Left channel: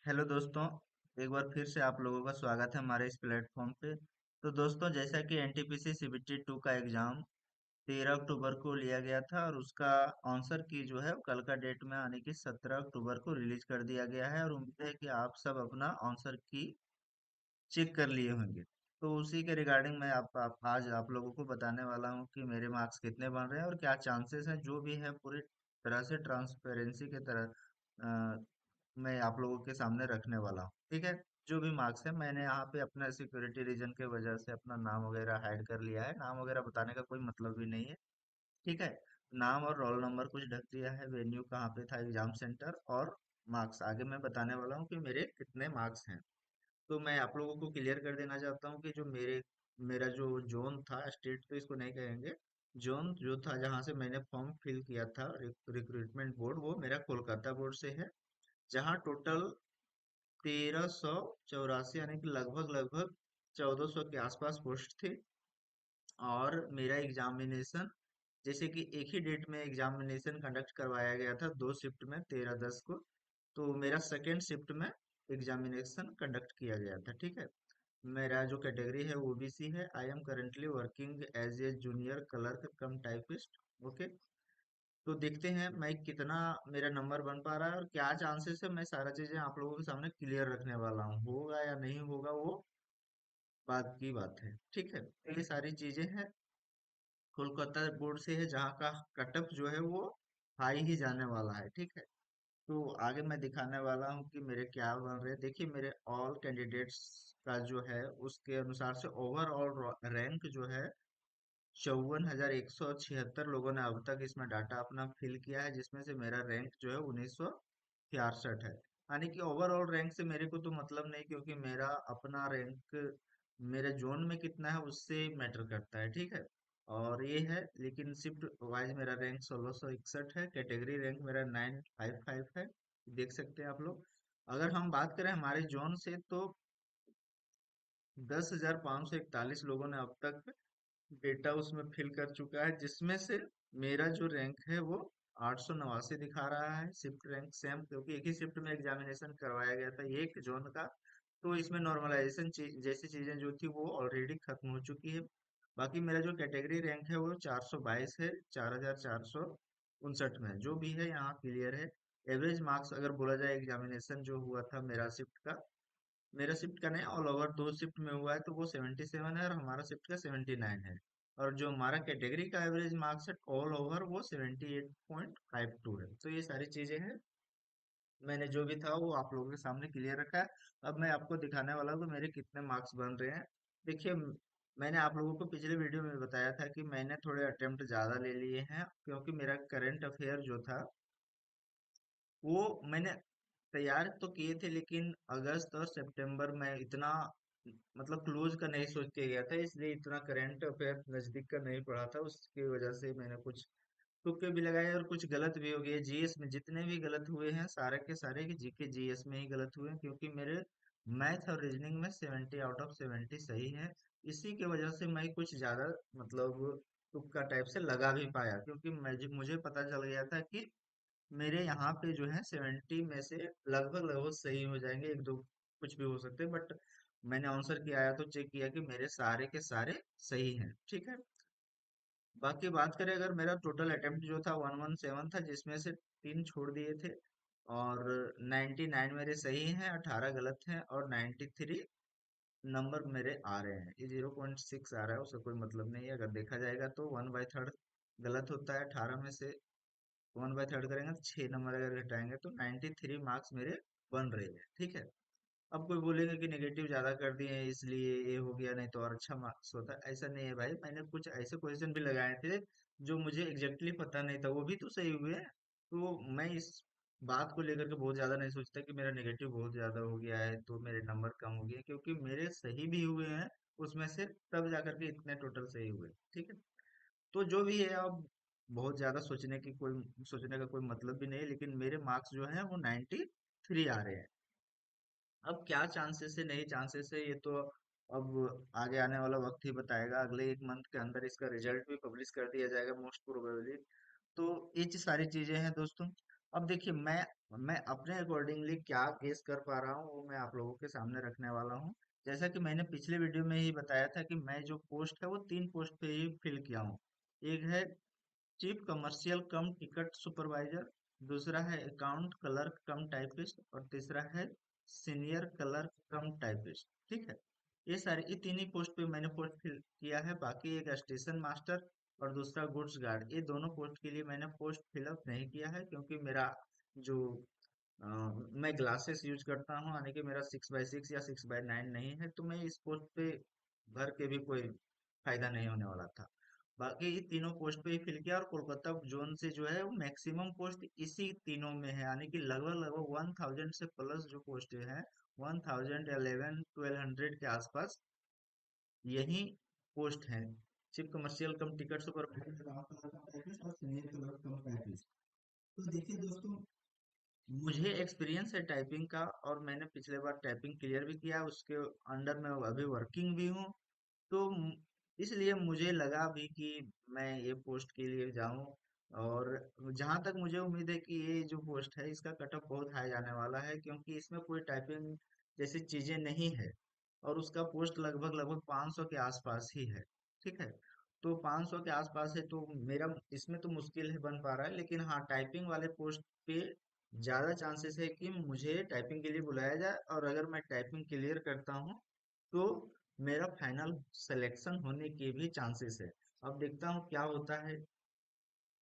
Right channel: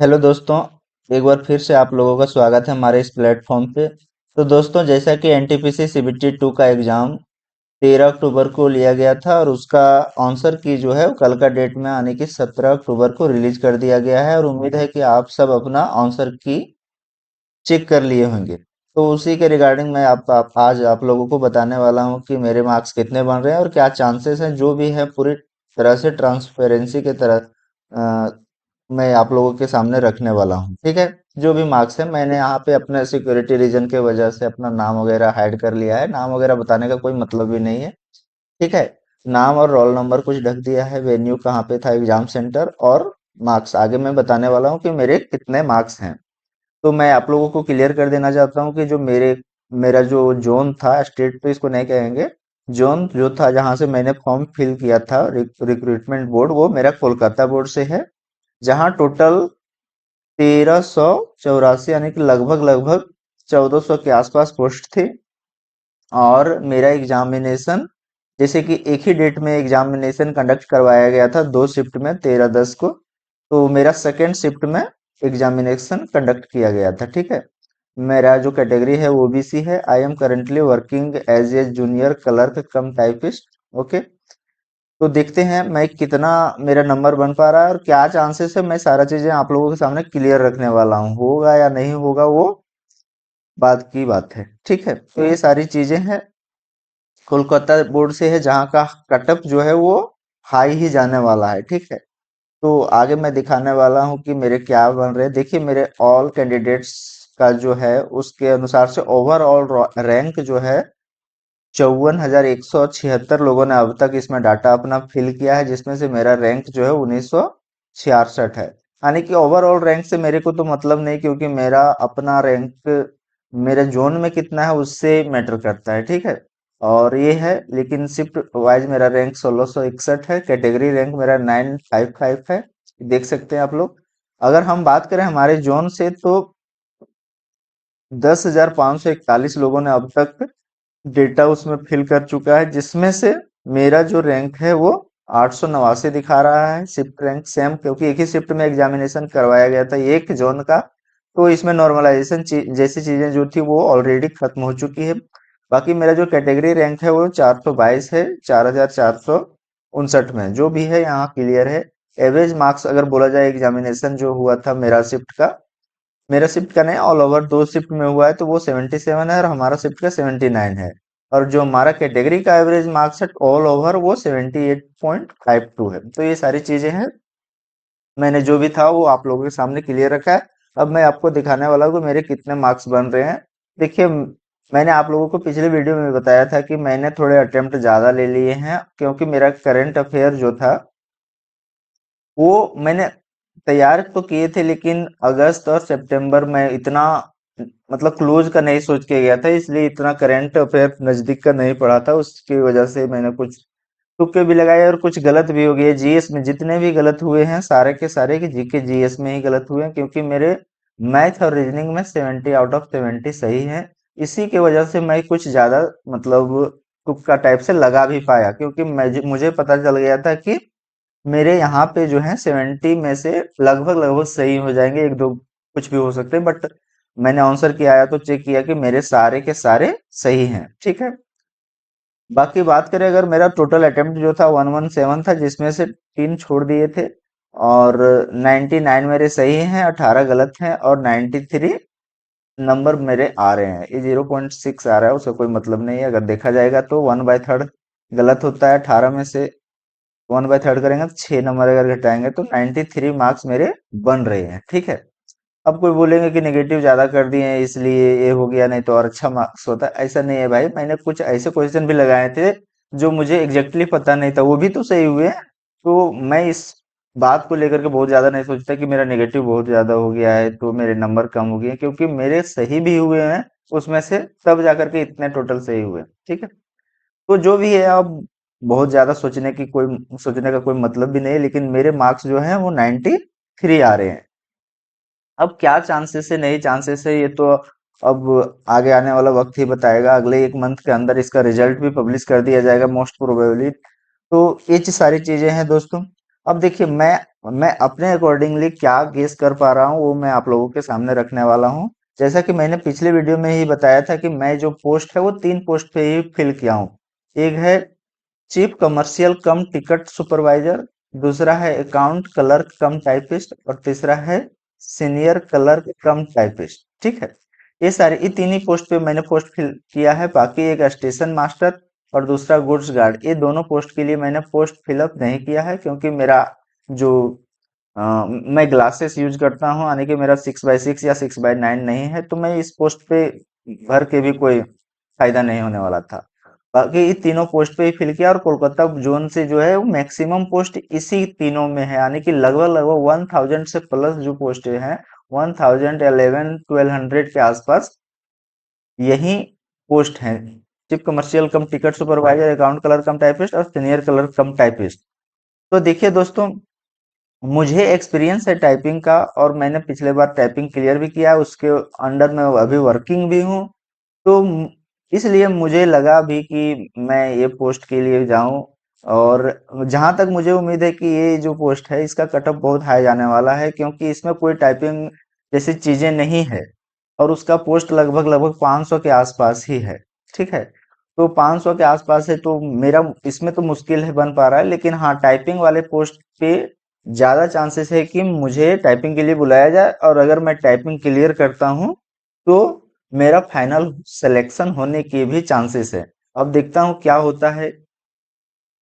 Hello दोस्तों। एक बार फिर से आप लोगों का स्वागत है हमारे इस प्लेटफॉर्म पे। तो दोस्तों, जैसा कि एनटीपीसी सीबीटी 2 का एग्ज़ाम 13 अक्टूबर को लिया गया था और उसका आंसर की जो है वो कल का डेट में आने की 17 अक्टूबर को रिलीज कर दिया गया है और उम्मीद है कि आप सब अपना आंसर की चेक कर लिए होंगे। तो उसी के रिगार्डिंग मैं आज आप लोगों को बताने वाला हूँ कि मेरे मार्क्स कितने बन रहे हैं और क्या चांसेस हैं। जो भी है पूरी तरह से ट्रांसपेरेंसी के तरह मैं आप लोगों के सामने रखने वाला हूँ। ठीक है। जो भी मार्क्स है मैंने यहाँ पे अपने सिक्योरिटी रीजन के वजह से अपना नाम वगैरह हाइड कर लिया है। नाम वगैरह बताने का कोई मतलब भी नहीं है। ठीक है। नाम और रोल नंबर कुछ ढक दिया है, वेन्यू कहाँ पे था, एग्जाम सेंटर, और मार्क्स आगे मैं बताने वाला हूँ कि मेरे कितने मार्क्स हैं। तो मैं आप लोगों को क्लियर कर देना चाहता हूँ कि जो मेरा जो जोन था, स्टेट तो इसको नहीं कहेंगे, जोन जो था जहाँ से मैंने फॉर्म फिल किया था, रिक्रूटमेंट बोर्ड, वो मेरा कोलकाता बोर्ड से है। जहाँ टोटल 1384 यानी कि लगभग लगभग 1400 के आसपास पोस्ट थी। और मेरा एग्जामिनेशन, जैसे कि एक ही डेट में एग्जामिनेशन कंडक्ट करवाया गया था, दो शिफ्ट में 13-10 को। तो मेरा सेकेंड शिफ्ट में एग्जामिनेशन कंडक्ट किया गया था। ठीक है। मेरा जो कैटेगरी है वो ओबीसी है। I am currently working as a junior clerk cum typist. Okay. तो देखते हैं मैं कितना मेरा नंबर बन पा रहा है और क्या चांसेस है। मैं सारा चीजें आप लोगों के सामने क्लियर रखने वाला हूँ। होगा या नहीं होगा वो बात की बात है। ठीक है। तो ये सारी चीजें हैं। कोलकाता बोर्ड से है जहाँ का कट ऑफ जो है वो हाई ही जाने वाला है। ठीक है। तो आगे मैं दिखाने वाला हूँ कि मेरे क्या बन रहे हैं। देखिए, मेरे ऑल कैंडिडेट्स का जो है उसके अनुसार से ओवरऑल रैंक जो है 54,176 लोगों ने अब तक इसमें डाटा अपना फिल किया है, जिसमें से मेरा रैंक जो है 1966 है। यानी कि ओवरऑल रैंक से मेरे को तो मतलब नहीं, क्योंकि मेरा अपना रैंक मेरे जोन में कितना है उससे मैटर करता है। ठीक है। और ये है, लेकिन शिफ्ट वाइज मेरा रैंक 1661 है। कैटेगरी रैंक मेरा 955 है। देख सकते हैं आप लोग। अगर हम बात करें हमारे जोन से, तो 10,541 लोगों ने अब तक डेटा उसमें फिल कर चुका है, जिसमें से मेरा जो रैंक है वो 889 दिखा रहा है। शिफ्ट रैंक सेम, क्योंकि एक ही शिफ्ट में एग्जामिनेशन करवाया गया था एक जोन का। तो इसमें नॉर्मलाइजेशन जैसी चीजें जो थी वो ऑलरेडी खत्म हो चुकी है। बाकी मेरा जो कैटेगरी रैंक है वो 422 है, 4,459 में। जो भी है यहाँ क्लियर है। एवरेज मार्क्स अगर बोला जाए, एग्जामिनेशन जो हुआ था मेरा शिफ्ट का नहीं, ऑल ओवर दो शिफ्ट में हुआ है, तो वो 77 है और हमारा शिफ्ट का 79 है। और जो हमारा कैटेगरी का एवरेज मार्क्स है ऑल ओवर वो 78.52 है। तो ये सारी चीजें हैं। मैंने जो भी था वो आप लोगों के सामने क्लियर रखा है। अब मैं आपको दिखाने वाला हूँ कि मेरे कितने मार्क्स बन रहे हैं। देखिए, मैंने आप लोगों को पिछले वीडियो में बताया था कि मैंने थोड़े अटेम्प्ट ज्यादा ले लिए हैं, क्योंकि मेरा करंट अफेयर जो था वो मैंने तैयार तो किए थे, लेकिन अगस्त और सितंबर में इतना मतलब क्लोज का नहीं सोच के गया था, इसलिए इतना करंट अफेयर नजदीक का नहीं पड़ा था। उसकी वजह से मैंने कुछ तुक्के भी लगाए और कुछ गलत भी हो गए। जीएस में जितने भी गलत हुए हैं सारे के सारे के जीके जीएस में ही गलत हुए हैं, क्योंकि मेरे मैथ और रीजनिंग में 70 आउट ऑफ 70 सही है। इसी की वजह से मैं कुछ ज्यादा मतलब तुक्का टाइप से लगा भी पाया, क्योंकि मुझे पता चल गया था कि मेरे यहाँ पे जो है 70 में से लगभग लगभग सही हो जाएंगे, एक दो कुछ भी हो सकते हैं। बट मैंने आंसर किया आया तो चेक किया कि मेरे सारे के सारे सही हैं। ठीक है। बाकी बात करें, अगर मेरा टोटल अटेम्प्ट जो था 117 था, जिसमें से तीन छोड़ दिए थे, और 99 मेरे सही हैं, 18 गलत हैं, और 93 नंबर मेरे आ रहे हैं। ये 0.6 आ रहा है, उसका कोई मतलब नहीं है। अगर देखा जाएगा तो 1/3 गलत होता है 18 में से। 1/3 करेंगे तो 6 नंबर अगर घटाएंगे तो 93 मार्क्स मेरे बन रहे हैं। ठीक है। अब कोई बोलेंगे कि नेगेटिव ज्यादा कर दिए हैं इसलिए ये हो गया, नहीं तो और अच्छा मार्क्स होता। ऐसा नहीं है भाई, मैंने कुछ ऐसे क्वेश्चन भी लगाए थे जो मुझे एग्जैक्टली पता नहीं था, वो भी तो सही हुए हैं। तो मैं इस बात को लेकर के बहुत ज्यादा नहीं सोचता कि मेरा नेगेटिव बहुत ज्यादा हो गया है तो मेरे नंबर कम हो गए हैं, क्योंकि मेरे सही भी हुए हैं उसमें से, तब जाकर के इतने टोटल सही हुए। ठीक है। तो जो भी है, अब बहुत ज्यादा सोचने का कोई मतलब भी नहीं है, लेकिन मेरे मार्क्स जो हैं वो 93 आ रहे हैं। अब क्या चांसेस है, नहीं चांसेस है, ये तो अब आगे आने वाला वक्त ही बताएगा। अगले एक मंथ के अंदर इसका रिजल्ट भी पब्लिश कर दिया जाएगा मोस्ट प्रोबेबली। तो ये सारी चीजें हैं दोस्तों। अब देखिए मैं अपने अकॉर्डिंगली क्या गेस कर पा रहा हूँ वो मैं आप लोगों के सामने रखने वाला हूँ। जैसा कि मैंने पिछले वीडियो में ही बताया था कि मैं जो पोस्ट है वो 3 पोस्ट पे ही फिल किया हूँ। एक है चीफ कमर्शियल कम टिकट सुपरवाइजर, दूसरा है अकाउंट क्लर्क कम टाइपिस्ट और तीसरा है सीनियर क्लर्क कम टाइपिस्ट। ठीक है, ये तीन ही पोस्ट पे मैंने पोस्ट फिल किया है। बाकी एक स्टेशन मास्टर और दूसरा गुड्स गार्ड, ये दोनों पोस्ट के लिए मैंने पोस्ट फिलअप नहीं किया है क्योंकि मेरा जो मैं ग्लासेस यूज करता हूँ, यानी कि मेरा 6x6 या 6x9 नहीं है, तो मैं इस पोस्ट पे भर के भी कोई फायदा नहीं होने वाला था। बाकी ये तीनों पोस्ट पे ही फिल किया और कोलकाता जोन से जो है वो मैक्सिमम पोस्ट इसी तीनों में है, यानी कि लगभग लगभग 1000 से प्लस जो पोस्ट है 1000 11 1200 के आसपास यही पोस्ट है। चीफ कमर्शियल कम ticket supervisor, account clerk cum typist और सीनियर क्लर्क कम टाइपिस्ट। तो देखिए दोस्तों, मुझे एक्सपीरियंस है टाइपिंग का और मैंने पिछले बार टाइपिंग क्लियर भी किया है, उसके अंडर में अभी वर्किंग भी हूँ। तो इसलिए मुझे लगा भी कि मैं ये पोस्ट के लिए जाऊं। और जहां तक मुझे उम्मीद है कि ये जो पोस्ट है इसका कटअप बहुत हाई जाने वाला है क्योंकि इसमें कोई टाइपिंग जैसी चीजें नहीं है और उसका पोस्ट लगभग लगभग 500 के आसपास ही है। ठीक है, तो 500 के आसपास है तो मेरा इसमें तो मुश्किल है बन पा रहा है, लेकिन हाँ टाइपिंग वाले पोस्ट पे ज्यादा चांसेस है कि मुझे टाइपिंग के लिए बुलाया जाए और अगर मैं टाइपिंग क्लियर करता हूँ तो मेरा फाइनल सिलेक्शन होने के भी चांसेस है। अब देखता हूँ क्या होता है।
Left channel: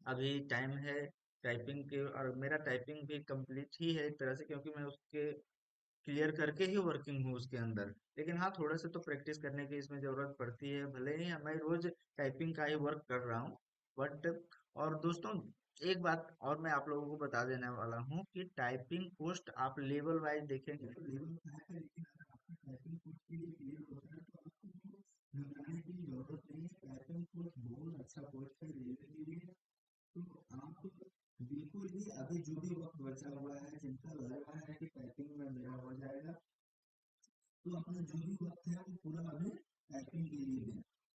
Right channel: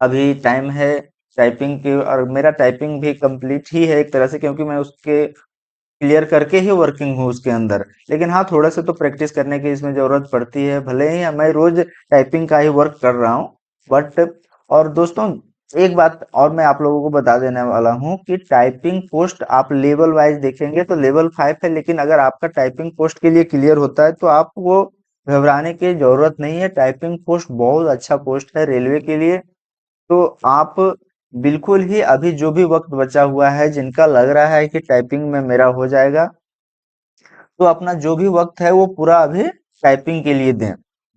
अभी टाइम है टाइपिंग की और मेरा टाइपिंग भी कंप्लीट ही है एक तरह से, क्योंकि मैं उसके क्लियर करके ही वर्किंग हूँ उसके अंदर। लेकिन हाँ थोड़ा सा तो प्रैक्टिस करने की इसमें जरूरत पड़ती है, भले ही मैं रोज टाइपिंग का ही वर्क कर रहा हूँ बट। और दोस्तों एक बात और मैं आप लोगों को बता देने वाला हूँ कि टाइपिंग पोस्ट आप लेवल वाइज देखेंगे तो लेवल 5 है, लेकिन अगर आपका टाइपिंग पोस्ट के लिए क्लियर होता है तो आपको घबराने की जरूरत नहीं है। टाइपिंग पोस्ट बहुत अच्छा पोस्ट है रेलवे के लिए। तो आप बिल्कुल ही अभी जो भी वक्त बचा हुआ है, जिनका लग रहा है कि टाइपिंग में मेरा हो जाएगा, तो अपना जो भी वक्त है वो पूरा अभी टाइपिंग के लिए दें।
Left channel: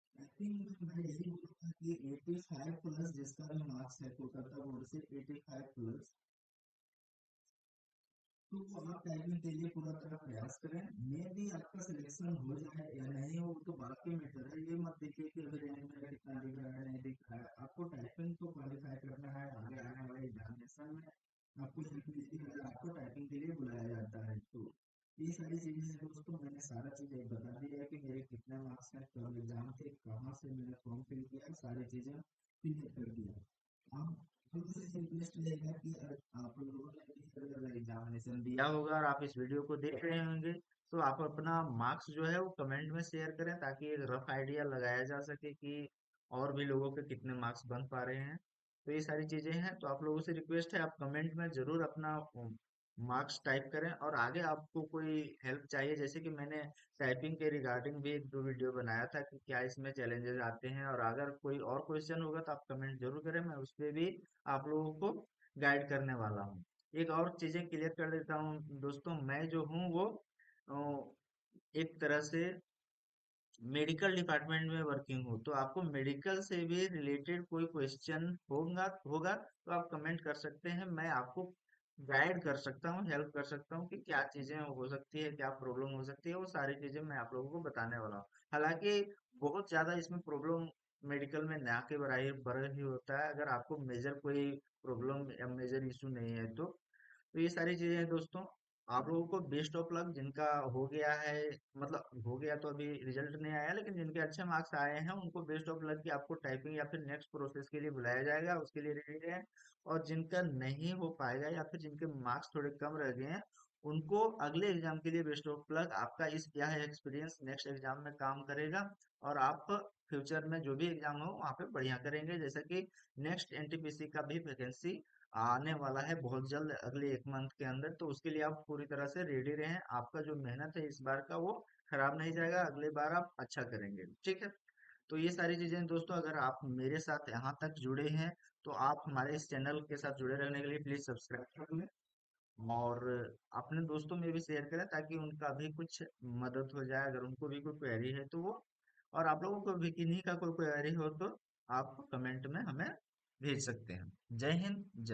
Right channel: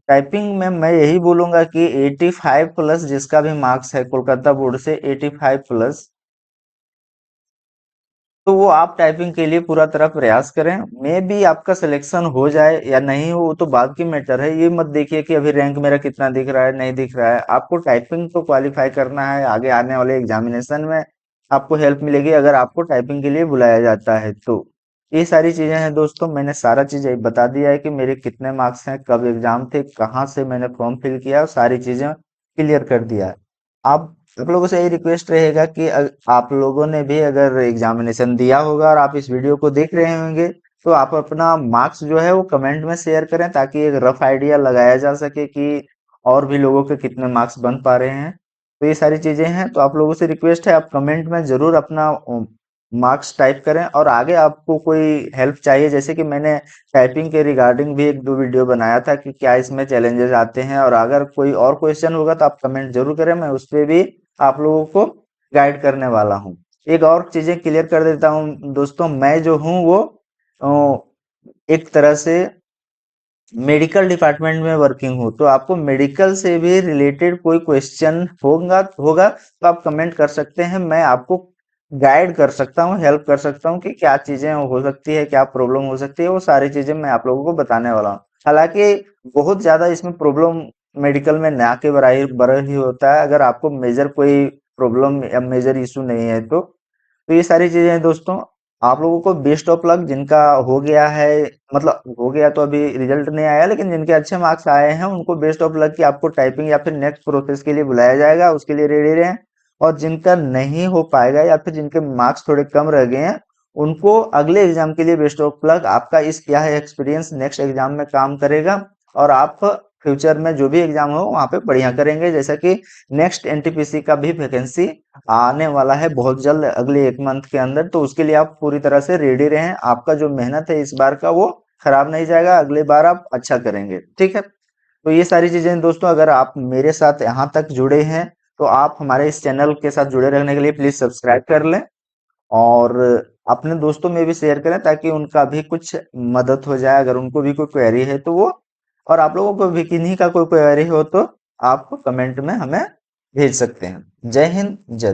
टाइपिंग में मैं यही बोलूंगा कि 85 प्लस जिसका भी मार्क्स है कोलकाता बोर्ड से 85 प्लस, तो वो आप टाइपिंग के लिए पूरा तरह प्रयास करें। मे भी आपका सिलेक्शन हो जाए या नहीं हो वो तो बाद की मैटर है। ये मत देखिए कि अभी रैंक मेरा कितना दिख रहा है नहीं दिख रहा है। आपको टाइपिंग तो क्वालिफाई करना है, आगे आने वाले एग्जामिनेशन में आपको हेल्प मिलेगी अगर आपको टाइपिंग के लिए बुलाया जाता है तो। ये सारी चीजें हैं दोस्तों, मैंने सारा चीजें बता दिया है कि मेरे कितने मार्क्स हैं, कब एग्जाम थे, कहाँ से मैंने फॉर्म फिल किया और सारी चीजें क्लियर कर दिया है। आप लोगों से यही रिक्वेस्ट रहेगा कि आप लोगों ने भी अगर एग्जामिनेशन दिया होगा और आप इस वीडियो को देख रहे होंगे तो आप अपना मार्क्स जो है वो कमेंट में शेयर करें ताकि एक रफ आइडिया लगाया जा सके कि और भी लोगों के कितने मार्क्स बन पा रहे हैं। तो ये सारी चीजें हैं, तो आप लोगों से रिक्वेस्ट है आप कमेंट में जरूर अपना मार्क्स टाइप करें। और आगे आपको कोई हेल्प चाहिए, जैसे कि मैंने टाइपिंग के रिगार्डिंग भी एक दो वीडियो बनाया था कि क्या इसमें चैलेंजेस आते हैं, और अगर कोई और क्वेश्चन होगा तो आप कमेंट जरूर करें, मैं उस पे भी आप लोगों को गाइड करने वाला हूँ। एक और चीजें क्लियर कर देता हूँ दोस्तों, मैं जो हूँ वो एक तरह से मेडिकल डिपार्टमेंट में वर्किंग हूँ, तो आपको मेडिकल से भी रिलेटेड कोई क्वेश्चन होगा होगा तो आप कमेंट कर सकते हैं। मैं आपको गाइड कर सकता हूँ, हेल्प कर सकता हूँ कि क्या चीजें हो सकती है, क्या प्रॉब्लम हो सकती है, वो सारी चीजें मैं आप लोगों को बताने वाला हूँ। हालांकि बहुत ज्यादा इसमें प्रॉब्लम मेडिकल में ना के बराबर ही होता है, अगर आपको मेजर कोई प्रॉब्लम या मेजर इशू नहीं है तो ये सारी चीजें हैं दोस्तों। आप लोगों को बेस्ट ऑफ लक, जिनका हो गया है, मतलब हो गया तो अभी रिजल्ट नहीं आया, लेकिन जिनके अच्छे मार्क्स आए हैं उनको बेस्ट ऑफ लक कि आपको टाइपिंग या फिर नेक्स्ट प्रोसेस के लिए बुलाया जाएगा, उसके लिए रेडी रहें। और जिनका नहीं हो पाएगा या फिर जिनके मार्क्स थोड़े कम रह गए हैं उनको अगले एग्जाम के लिए बेस्ट ऑफ लक। आपका इस क्या है एक्सपीरियंस नेक्स्ट एग्जाम में काम करेगा और आप फ्यूचर में जो भी एग्जाम हो वहां पे बढ़िया करेंगे। जैसा कि नेक्स्ट एनटीपीसी का भी वैकेंसी आने वाला है बहुत जल्द, अगले 1 मंथ के अंदर, तो उसके लिए आप पूरी तरह से रेडी रहें। आपका जो मेहनत है इस बार का वो खराब नहीं जाएगा, अगली बार आप अच्छा करेंगे। ठीक है, तो ये सारी चीजें दोस्तों, अगर आप मेरे साथ यहाँ तक जुड़े हैं तो आप हमारे इस चैनल के साथ जुड़े रहने के लिए प्लीज सब्सक्राइब कर लें और अपने दोस्तों में भी शेयर करें ताकि उनका भी कुछ मदद हो जाए, अगर उनको भी कोई क्वेरी है तो वो। और आप लोगों को भी किन्हीं का कोई क्वेरी हो तो आप कमेंट में हमें भेज सकते हैं। जय हिंद, जय